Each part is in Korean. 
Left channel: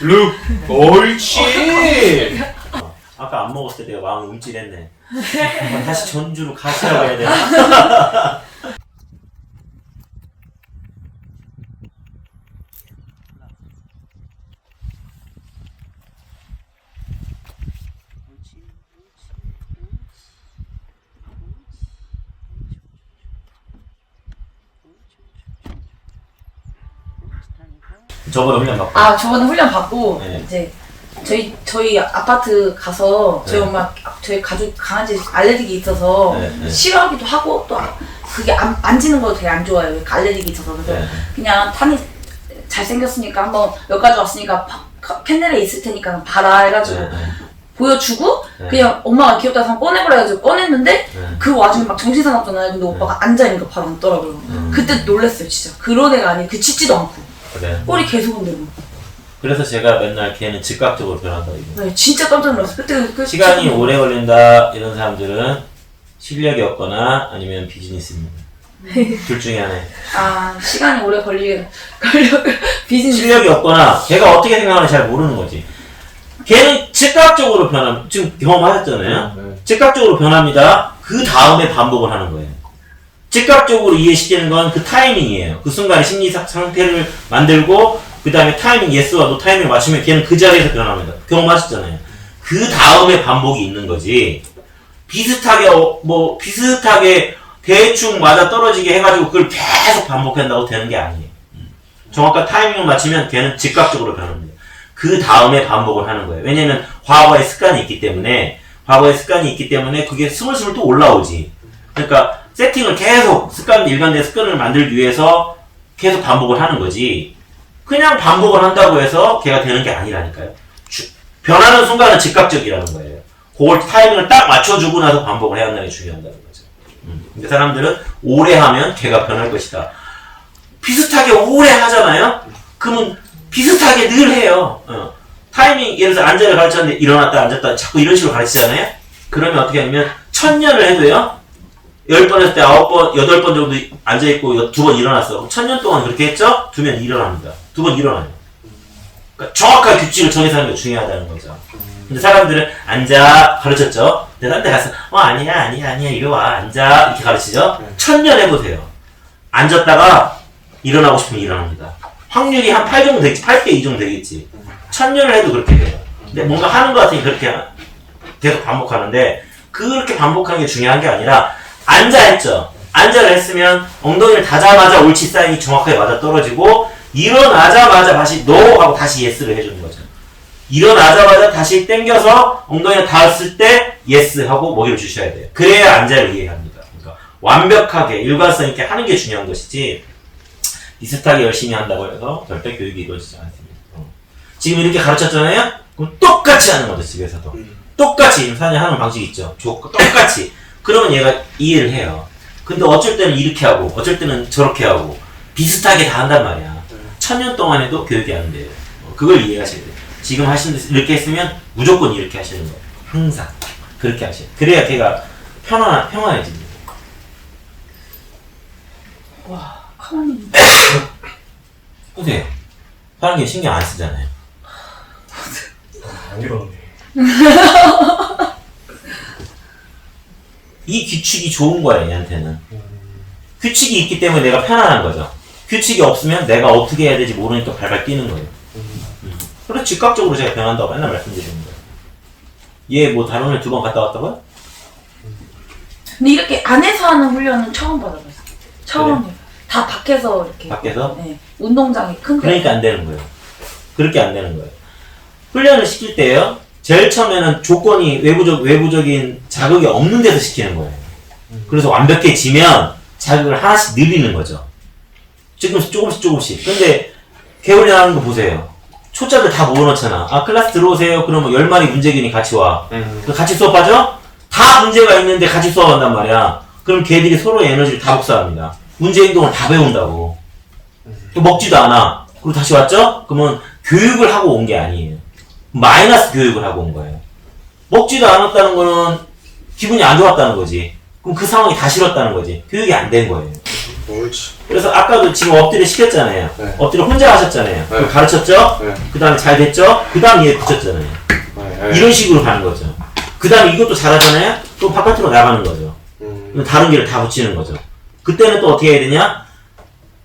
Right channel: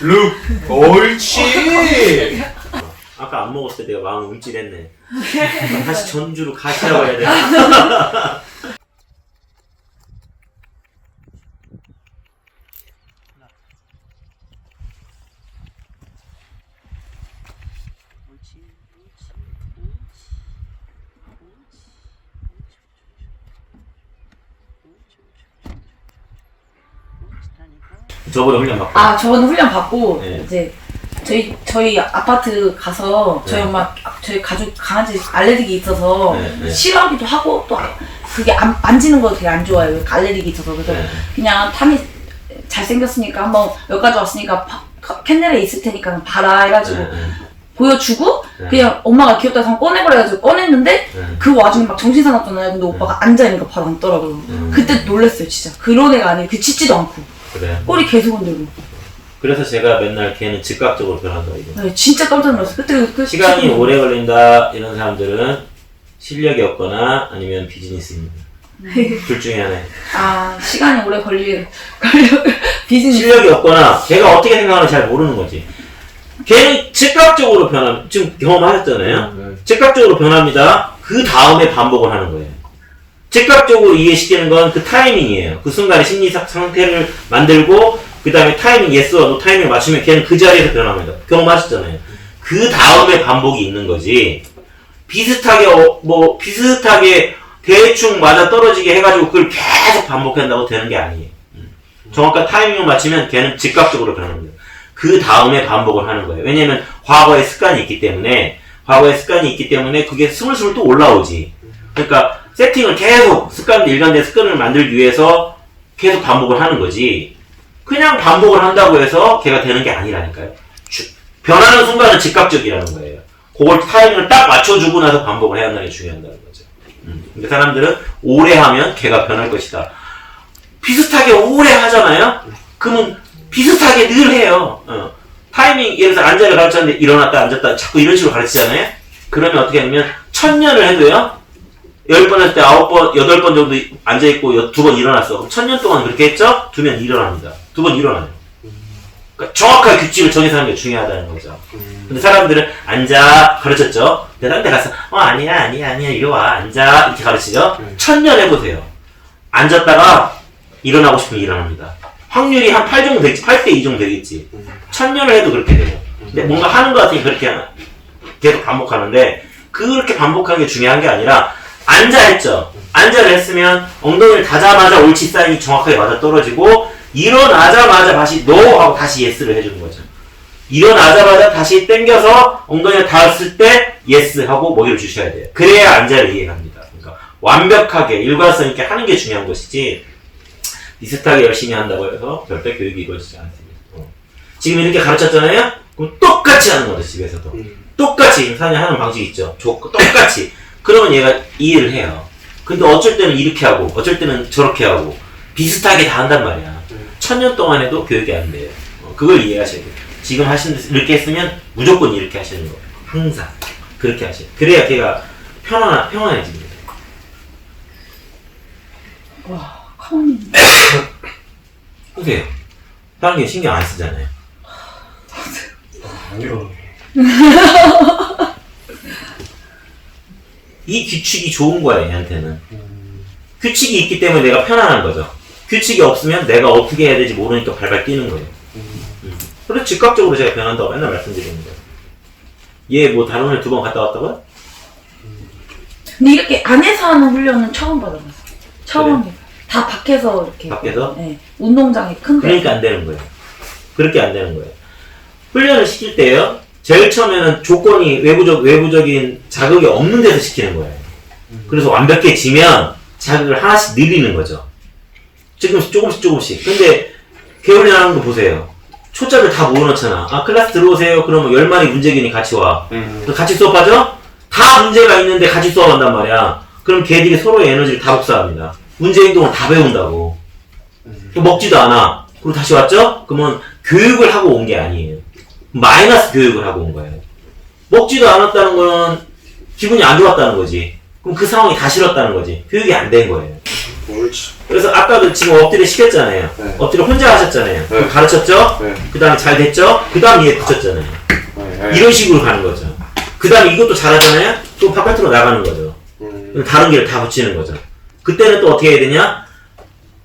룩 옳지. 아까 안 먹었을 때 내가 마음이 움찔했네. 다시 전주로 가시라고 해야 되나? 저번에 훈련 받고. 아, 저번에 훈련 받고 네. 이제 저희 아파트 가서 저희 네. 엄마 저희 가족 강아지 알레르기 있어서 네. 싫어하기도 하고 또 그게 만지는 거 되게 안 좋아해요. 알레르기 있어서. 그래서 네. 그냥 탐이 잘생겼으니까 한번 여기까지 왔으니까 캔넬에 있을 테니까 봐라 해가지고 보여주고 그냥 엄마가 귀엽다 해서 꺼내버려 가지고 꺼냈는데 그 와중에 막 정신사납잖아요. 근데 오빠가 앉아있는 거 바로 앉더라고요. 그때 놀랐어요 진짜. 그런 애가 아니에요. 그 짖지도 않고 그래. 꼬리 계속 흔들고. 그래서 제가 맨날 걔는 즉각적으로 변한다고 얘기해요. 네, 진짜 깜짝 놀랐어요. 그때 시간이 오래 걸린다 이런 사람들은 실력이 없거나 아니면 비즈니스입니다. 둘 중에 하나예요. 아, 시간이 오래 걸려 비즈니스. 실력이 없거나 걔가 어떻게 생각하는지 잘 모르는 거지. 걔는 즉각적으로 지금 경험하셨잖아요. 즉각적으로 변합니다. 그 다음에 반복을 하는 거예요. 즉각적으로 이해시키는 건 그 타이밍이에요. 그 순간에 심리 상태를 만들고 그 다음에 타이밍, 예스와 노 타이밍을 맞추면 걔는 그 자리에서 변합니다. 경험하셨잖아요. 그 다음에 반복이 있는 거지. 비슷하게 대충 맞아 떨어지게 해가지고 그걸 계속 반복한다고 되는 게 아니에요. 정확한 타이밍을 맞추면 걔는 즉각적으로 변합니다. 그 다음에 반복을 하는 거예요. 왜냐면 과거의 습관이 있기 때문에 그게 스물스물 또 올라오지. 그러니까 세팅을 계속 일관된 습관을 만들기 위해서 계속 반복을 하는 거지. 그냥 반복을 한다고 해서 걔가 되는 게 아니라니까요. 변하는 순간은 즉각적이라는 거예요. 그걸 타이밍을 딱 맞춰주고 나서 반복을 해야 한다는 게 중요하다는 거죠. 근데 사람들은 오래 하면 걔가 변할 것이다. 비슷하게 오래 하잖아요? 그러면 비슷하게 늘 해요. 타이밍, 예를 들어서 앉아를 가르쳤는데 일어났다 앉았다 자꾸 이런 식으로 가르치잖아요? 그러면 어떻게 하냐면 1000년을 해도요? 10번 할 때 9번, 8번 정도 앉아있고 2번 일어났어. 그럼 1000년 동안 그렇게 했죠? 2번 일어납니다. 2번 일어나요. 그러니까 정확한 규칙을 정해서하는 게 중요하다는 거죠. 근데 사람들은 앉아 가르쳤죠? 근데 딴 데 가서 아니야 이리 와 앉아 이렇게 가르치죠? 1000년 해보세요. 앉았다가 일어나고 싶으면 일어납니다. 확률이 한 8 정도 되겠지. 8대 2 정도 되겠지. 1000년을 해도 그렇게 돼요. 근데 뭔가 하는 것 같으니 그렇게 계속 반복하는데 그렇게 반복하는 게 중요한 게 아니라 앉아 했죠. 앉아를 했으면 엉덩이를 닫자마자 옳지 사인이 정확하게 맞아 떨어지고 일어나자마자 다시 NO 하고 다시 YES를 해주는 거죠. 일어나자마자 다시 당겨서 엉덩이를 닿았을 때 YES 하고 먹이를 주셔야 돼요. 그래야 앉아를 이해합니다. 그러니까 완벽하게 일관성 있게 하는 게 중요한 것이지 비슷하게 열심히 한다고 해서 절대 교육이 이루어지지 않습니다. 지금 이렇게 가르쳤잖아요? 그럼 똑같이 하는 거죠, 집에서도. 똑같이 하는 방식이 있죠. 똑같이. 그러면 얘가 이해를 해요. 근데 어쩔 때는 이렇게 하고 어쩔 때는 저렇게 하고 비슷하게 다 한단 말이야. 1000년 동안 해도 교육이 안 돼요. 그걸 이해하셔야 돼요. 지금 이렇게 했으면 무조건 이렇게 하시는 거. 항상 그렇게 하셔야 돼요. 그래야 걔가 평안해집니다. 와, 가만히 있네. 보세요. 다른 게 신경 안 쓰잖아요. 아니요. 이 규칙이 좋은 거야, 얘한테는. 규칙이 있기 때문에 내가 편안한 거죠. 규칙이 없으면 내가 어떻게 해야 될지 모르니까 발발 뛰는 거예요. 그래서 즉각적으로 제가 변한다고 맨날 말씀드리는 거예요. 얘 뭐 다른 애 2번 갔다 왔다고요? 근데 이렇게 안에서 하는 훈련은 처음 받아봤어요. 처음 한 게. 다 밖에서 이렇게. 밖에서? 네. 운동장이 큰데. 그러니까 안 되는 거예요. 그렇게 안 되는 거예요. 훈련을 시킬 때요, 제일 처음에는 조건이 외부적인 자극이 없는 데서 시키는 거예요. 그래서 완벽해지면 자극을 하나씩 늘리는 거죠. 지금 조금씩. 근데 개훈련하는 거 보세요. 초짜들 다 모아놓잖아. 클래스 들어오세요. 그러면 10마리 문제균이 같이 와. 같이 수업하죠? 다 문제가 있는데 같이 수업한단 말이야. 그럼 걔들이 서로의 에너지를 다 복사합니다. 문제 행동을 다 배운다고. 먹지도 않아. 그리고 다시 왔죠? 그러면 교육을 하고 온 게 아니에요. 마이너스 교육을 하고 온 거예요. 먹지도 않았다는 거는 기분이 안 좋았다는 거지. 그럼 그 상황이 다 싫었다는 거지. 교육이 안 된 거예요. 옳지. 그래서 아까도 지금 엎드려 시켰잖아요. 네. 엎드려 혼자 하셨잖아요. 네. 가르쳤죠? 네. 그 다음에 잘 됐죠? 그 다음에 얘 붙였잖아요. 네. 이런 식으로 가는 거죠. 그 다음에 이것도 잘하잖아요? 또 바깥으로 나가는 거죠. 그럼 다른 길을 다 붙이는 거죠. 그때는 또 어떻게 해야 되냐?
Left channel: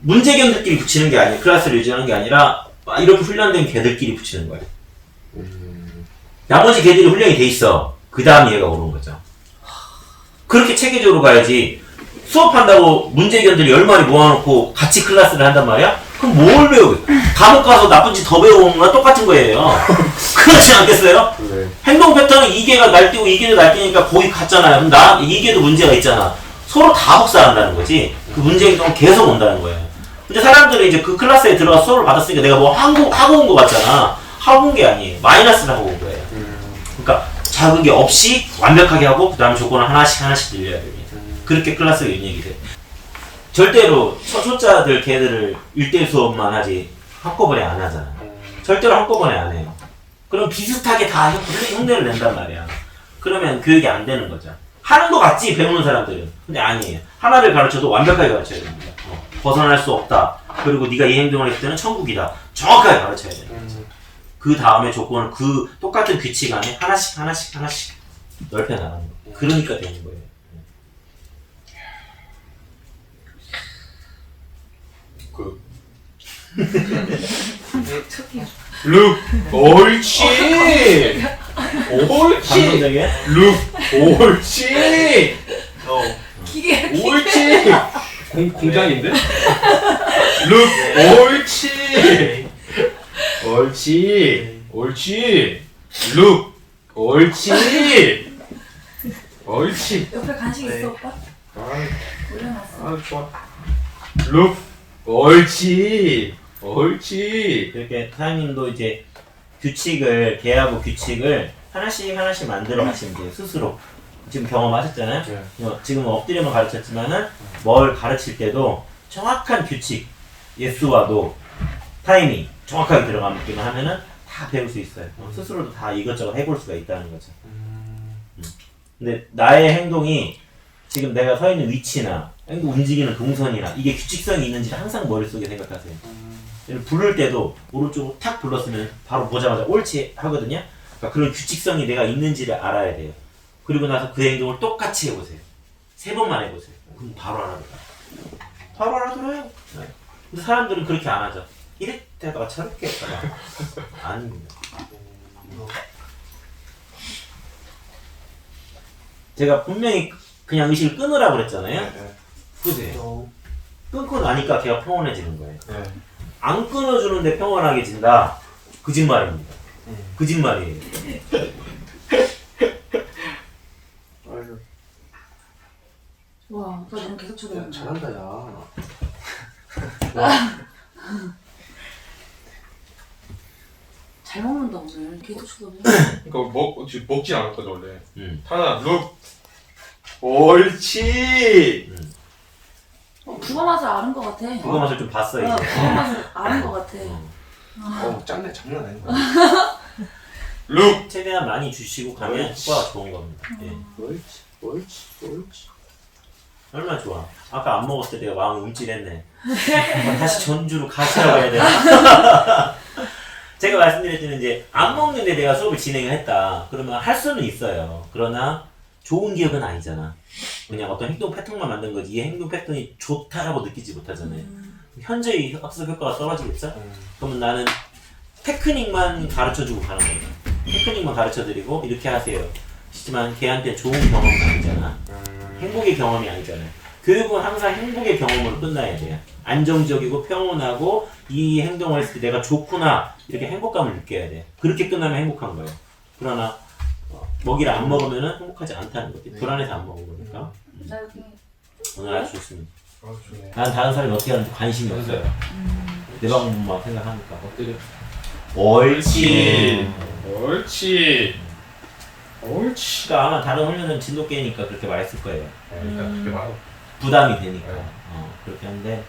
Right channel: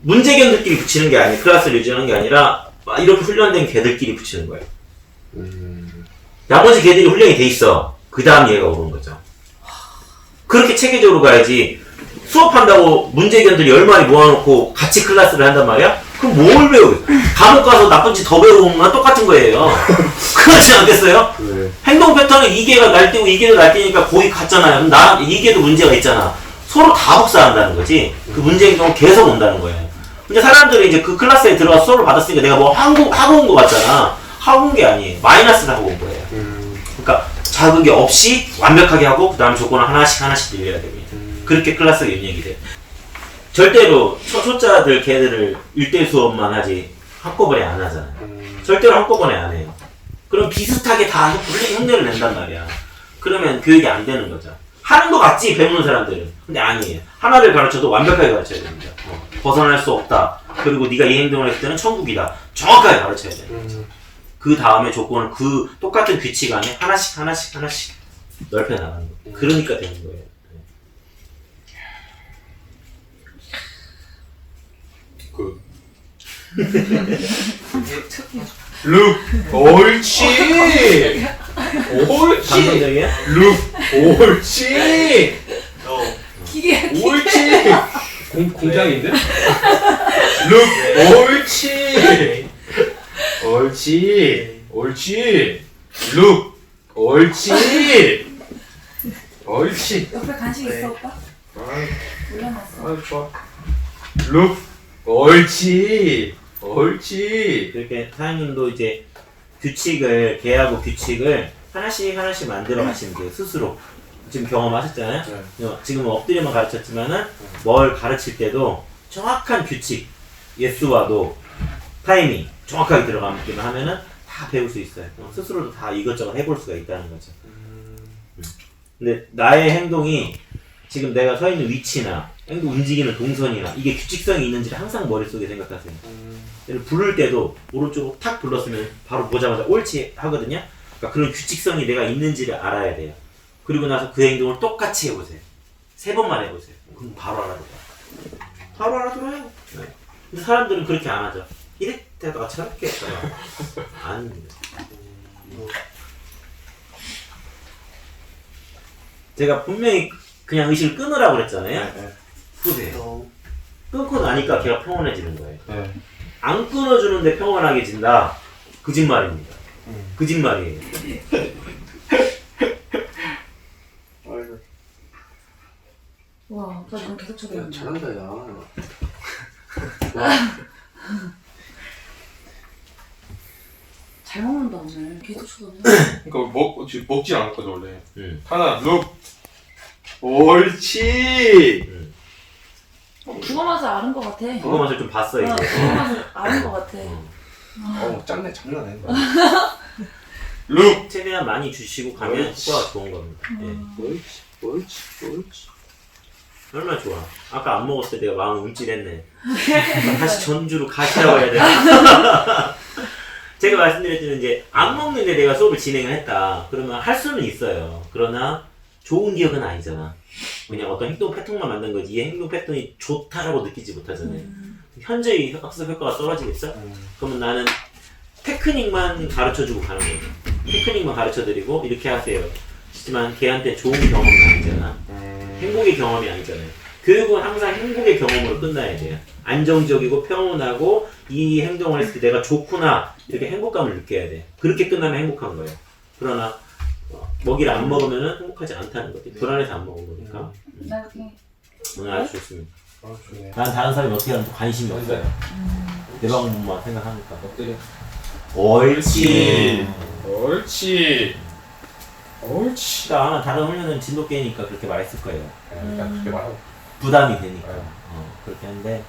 문제견들끼리 붙이는 게 아니라, 클래스를 유지하는 게 아니라, 이렇게 훈련된 개들끼리 붙이는 거예요. 나머지 개들이 훈련이 돼 있어. 그 다음 얘가 오는 거죠. 그렇게 체계적으로 가야지. 수업한다고 문제견들 10마리 모아놓고 같이 클래스를 한단 말이야? 그럼 뭘 배우게? 감옥 가서 나쁜 짓 더 배우는 건 똑같은 거예요. 그렇지 않겠어요? 네. 행동 패턴은 이 개가 날뛰고 이 개도 날뛰니까 거기 갔잖아요. 그럼 이 개도 문제가 있잖아. 서로 다 복사한다는 거지. 그 문제 행동은 계속 온다는 거예요. 근데 사람들이 이제 그 클래스에 들어가서 수업을 받았으니까 내가 뭐 하고 온 거 같잖아. 하고 온 게 아니에요. 마이너스를 하고 온 거예요. 그러니까 작은 게 없이 완벽하게 하고 그 다음 조건을 하나씩 늘려야 됩니다. 그렇게 클래스가 입력이 돼요. 절대로 초짜들 걔들을 1대1 수업만 하지 한꺼번에 안 하잖아. 절대로 한꺼번에 안 해요. 그럼 비슷하게 다 형제를 낸단 말이야. 그러면 교육이 안 되는 거죠. 하는 거 같지 배우는 사람들은. 근데 아니에요. 하나를 가르쳐도 완벽하게 가르쳐야 됩니다. 벗어날 수 없다. 그리고 네가 이 행동을 했을 때는 천국이다. 정확하게 가르쳐야 돼요. 그 다음에 조건을 그 똑같은 규칙 안에 하나씩 넓혀 나가는 거. 그러니까 되는 거예요. 룩, 옳지. 옳지. 감동적이야? 룩, 옳지. 기계. 옳지. 공장인데? 룩, 옳지. 옳지. 옳지. 룩, 옳지. 옳지. 옆에 간식 있어 오빠? 아, 올려놨어. 좋아. 룩, 옳지. 옳지. 이렇게 사장님도 이제 개하고 규칙을 하나씩 만들어 가시면 돼요. 스스로. 지금 경험하셨잖아요. 지금 엎드려만 가르쳤지만은 뭘 가르칠 때도 정확한 규칙, 예스와도 타이밍 정확하게 들어가기만 하면은 다 배울 수 있어요. 스스로도 다 이것저것 해볼 수가 있다는 거죠. 근데 나의 행동이 지금 내가 서 있는 위치나 움직이는 동선이나 이게 규칙성이 있는지를 항상 머릿속에 생각하세요. 부를 때도 오른쪽으로 탁 불렀으면 바로 보자마자 옳지 하거든요. 그러니까 그런 규칙성이 내가 있는지를 알아야 돼요. 그리고 나서 그 행동을 똑같이 해보세요. 3번만 해보세요. 그럼 바로 알아들어요. 바로 알아들어요. 네. 근데 사람들은 그렇게 안 하죠. 이랬다가 저렇게 했다가 아닙니다. 제가 분명히 그냥 의식을 끊으라고 그랬잖아요. 보세요. 끊고 나니까 걔가 평온해지는 거예요. 안 끊어주는데 평온하게진다. 거짓말입니다. 거짓말이에요. 와, 나 계속 쳐다본다. 잘한다, 야. 잘 먹는다 오늘. 계속 쳐다보네. 그러니까 먹진 않았거든, 원래. 하나, 룩. 옳지. 그거 맛을 아는 것 같아. 그거 맛을 좀 봤어 이제. 그거 맛을 아는 것 같아. 짱네, 장난 아닌 거야. 룩. 최대한 많이 주시고 가면 옳지. 효과가 좋은 겁니다. 예. 옳지. 얼마나 좋아. 아까 안 먹었을 때 내가 마음이 움찔했네. 다시 전주로 가시라고 해야 되나? 제가 말씀드렸지만 이제 안 먹는데 내가 수업을 진행을 했다. 그러면 할 수는 있어요. 그러나 좋은 기억은 아니잖아. 그냥 어떤 행동 패턴만 만든 거지 이 행동 패턴이 좋다라고 느끼지 못하잖아요. 현재의 학습 효과가 떨어지겠어? 그러면 나는 테크닉만 가르쳐주고 가는 거죠. 테크닉만 가르쳐드리고 이렇게 하세요. 하지만 걔한테 좋은 경험이 아니잖아. 행복의 경험이 아니잖아요. 교육은 항상 행복의 경험으로 끝나야 돼요. 안정적이고 평온하고 이 행동을 했을 때 내가 좋구나 이렇게 행복감을 느껴야 돼. 그렇게 끝나면 행복한 거예요. 그러나 먹이를 안 먹으면 행복하지 않다는 거지. 불안해서 안 먹은 거니까. 오늘 아주 좋습니다. 좋네. 난 다른 사람이 어떻게 하는지 관심이 없어요. 내 방법만 생각하니까. 엎드려. 옳지. 옳지. 그러니까 아마 다른 훈련은 진돗개니까 그렇게 말했을 거예요. 그러니까 그렇게 말하고. 부담이 되니까. 그렇게 하는데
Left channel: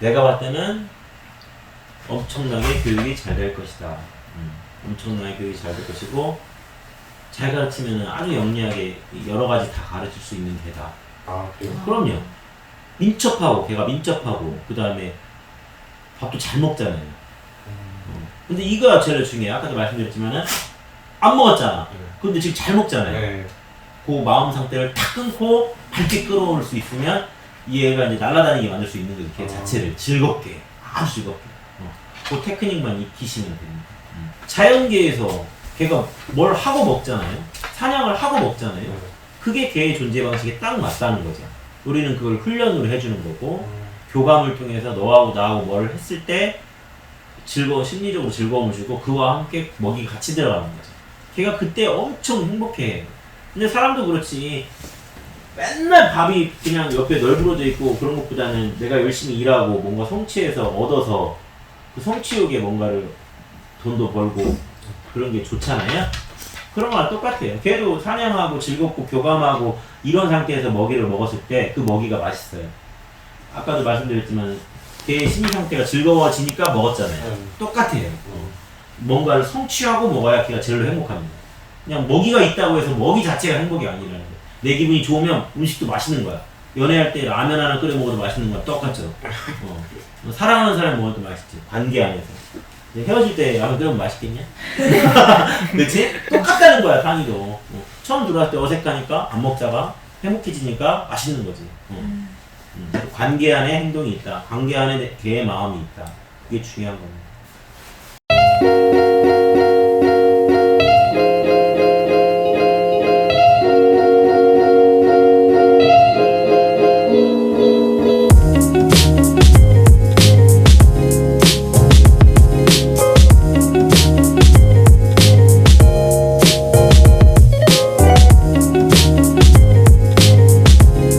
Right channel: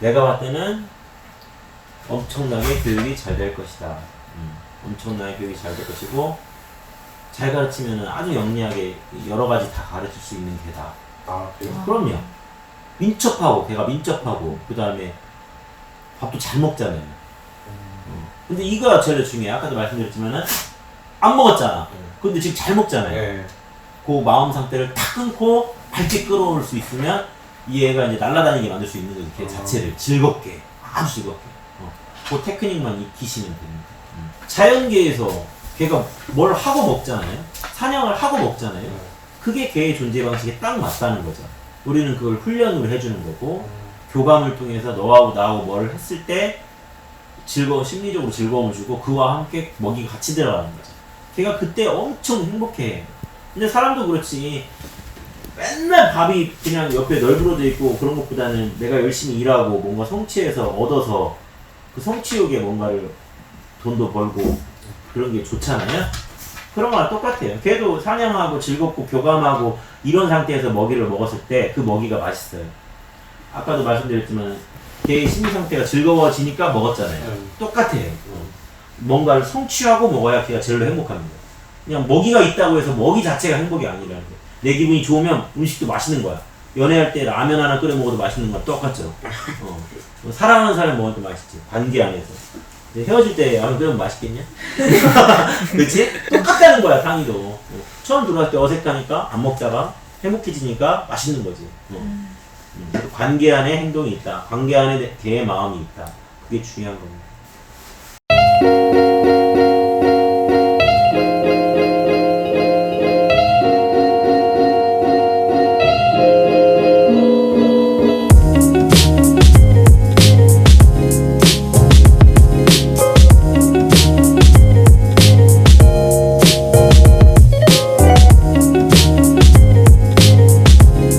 내가 봤을 때는 엄청나게 교육이 잘 될 것이다. 엄청나게 교육이 잘 될 것이고 잘 가르치면 아주 영리하게 여러 가지 다 가르칠 수 있는 개다. 그래요? 그럼요. 민첩하고 걔가 민첩하고 그 다음에 밥도 잘 먹잖아요. 근데 이거가 제일 중요해. 아까도 말씀드렸지만은 안 먹었잖아. 근데 지금 잘 먹잖아요. 네. 그 마음 상태를 탁 끊고 밝게 끌어올 수 있으면 이 애가 이제 날아다니게 만들 수 있는 거지. 걔 자체를 즐겁게, 아주 즐겁게. 그 테크닉만 익히시면 됩니다. 자연계에서 걔가 뭘 하고 먹잖아요. 사냥을 하고 먹잖아요. 그게 걔의 존재 방식에 딱 맞다는 거죠. 우리는 그걸 훈련을 해주는 거고 교감을 통해서 너하고 나하고 뭘 했을 때 심리적으로 즐거움을 주고 그와 함께 먹이가 같이 들어가는 거죠. 걔가 그때 엄청 행복해. 근데 사람도 그렇지. 맨날 밥이 그냥 옆에 널브러져 있고 그런 것보다는 내가 열심히 일하고 뭔가 성취해서 얻어서 그 성취욕에 뭔가를 돈도 벌고 그런 게 좋잖아요. 그런 거랑 똑같아요. 걔도 사냥하고 즐겁고 교감하고 이런 상태에서 먹이를 먹었을 때 그 먹이가 맛있어요. 아까도 말씀드렸지만 걔의 심리 상태가 즐거워지니까 먹었잖아요. 똑같아요. 뭔가를 성취하고 먹어야 걔가 제일 행복합니다. 그냥 먹이가 있다고 해서 먹이 자체가 행복이 아니라는 거예요. 내 기분이 좋으면 음식도 맛있는 거야. 연애할 때 라면 하나 끓여 먹어도 맛있는 거야. 똑같죠. 뭐 사랑하는 사람 먹어도 맛있지. 관계 안에서. 근데 헤어질 때 라면 끓여면 맛있겠냐? 그치? 똑같다는 거야, 상의도. 처음 들어왔을 때 어색하니까 안 먹다가 행복해지니까 맛있는 거지. 관계 안에 행동이 있다. 관계 안에 걔의 마음이 있다. 그게 중요한 겁니다.